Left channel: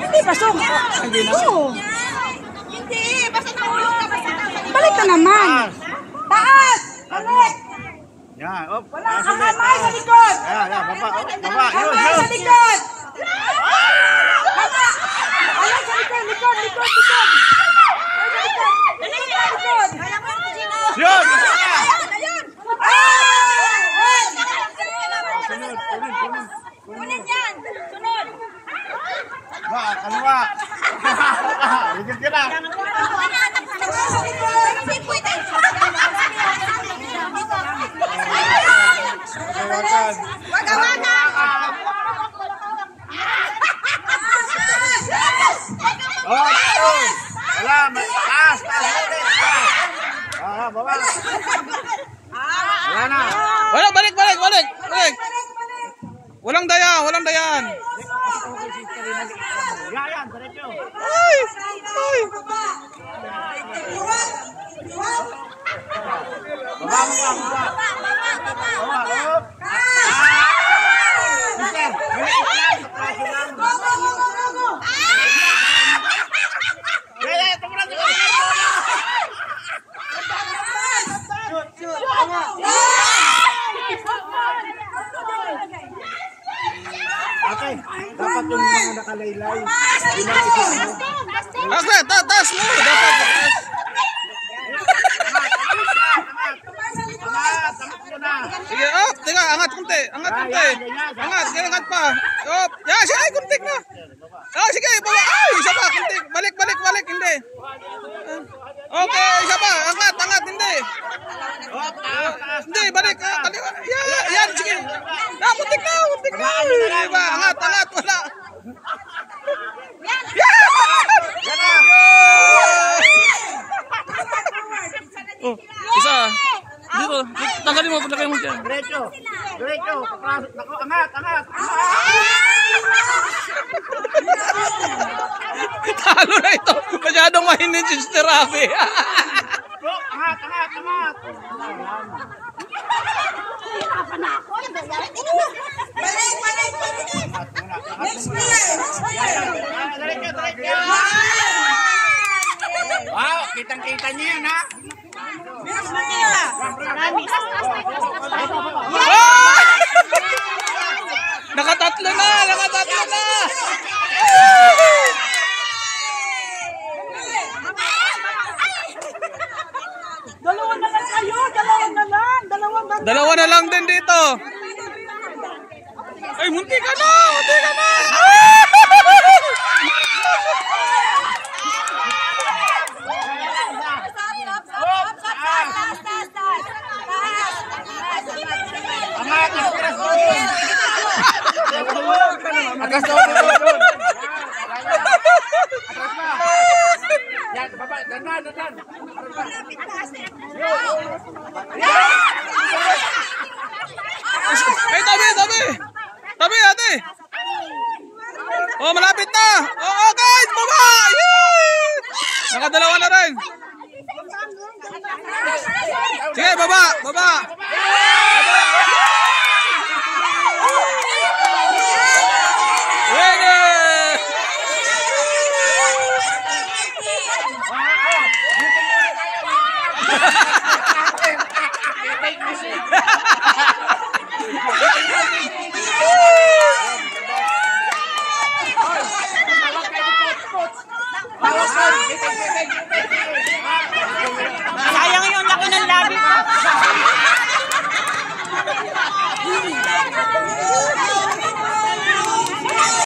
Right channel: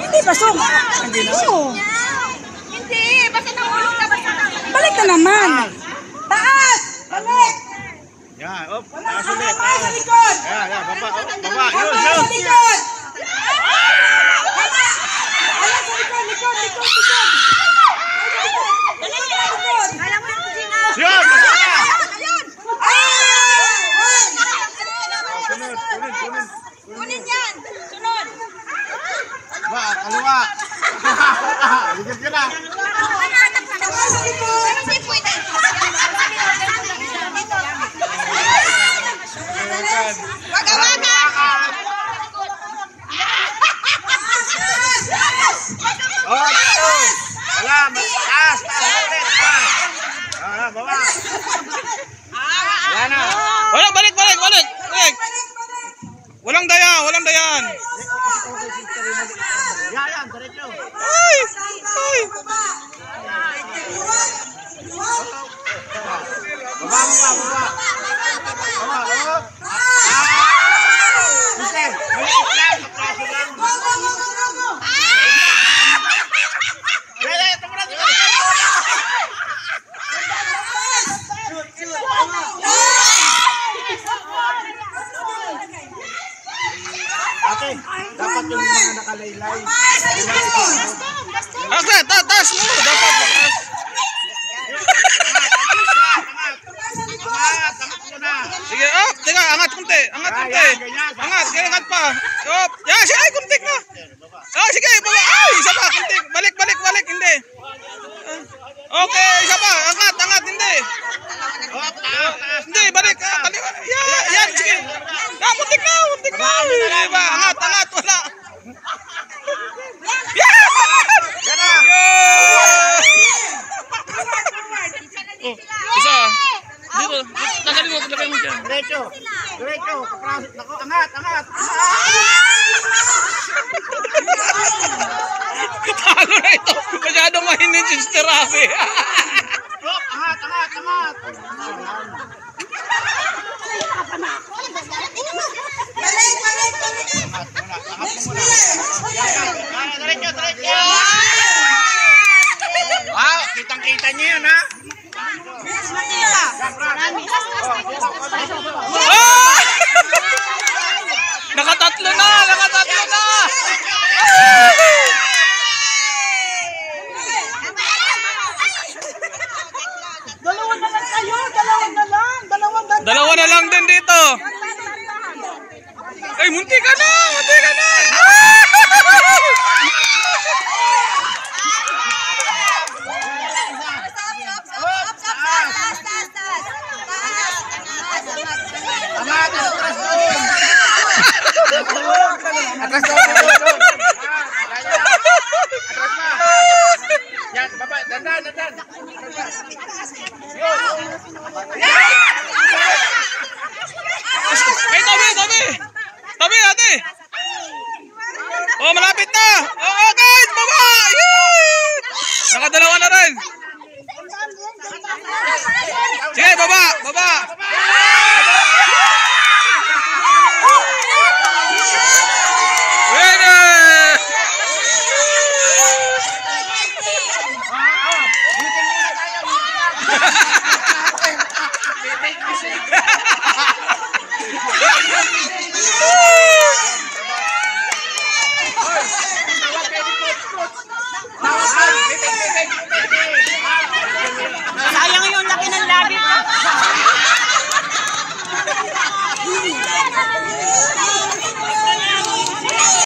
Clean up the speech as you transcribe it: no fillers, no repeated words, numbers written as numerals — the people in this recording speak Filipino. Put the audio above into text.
Hindi, pasok. Hindi, basta nahulog na basta. Balik ka naman. Taas! Balik! Yan, op. Wala kang kamay sa likod! Yan, baba, baba. Kamay sa likod! Wala! Wala sa likod, likod! Likod! Yan! Kunin yan! Sunod! Ba, kaliwa. Ligid ka na. Wala, taas. Baba. Ayan na. Wala, balik. Walang dayan. Yan, diretso. Ay! Baba. Baba, op. Mister, ate, dapat yung mga nakalaylay. Taas mo. Dapat taas. Sige, up. Teka, angat kunti. Angat. Angat pa. Up. Yan, sige, ay, kunti na. Sige, baba. Ay, isa pa, kunti. Balik. Hindi. Okay, isa pa. Angat, hindi. Hindi, balik. Yan, sige. Kuntik na. Diba, angat, wala. Yan! Isa. Dito, tanggalin mo, lagay mo dyan. Diretso. Kaprasok. Nako, angat. Talo na ito. Masyadong mahinin si Sister Rafi. Angat. Balik! Next Diretso. Wow, kitang-kita niyo yan, ha? Nakatatlo na. Dalawa na lang kayo! Dalawa na lang din dito. Ay, munti ka na. Angat, atras doon. Atras doon. Yan, baba, dandan. Ay, tabi, ate. Oh, malapit na. Oh, guys, baba. Nakadalawa na rin. Sige, baba. Meeting muna tayo.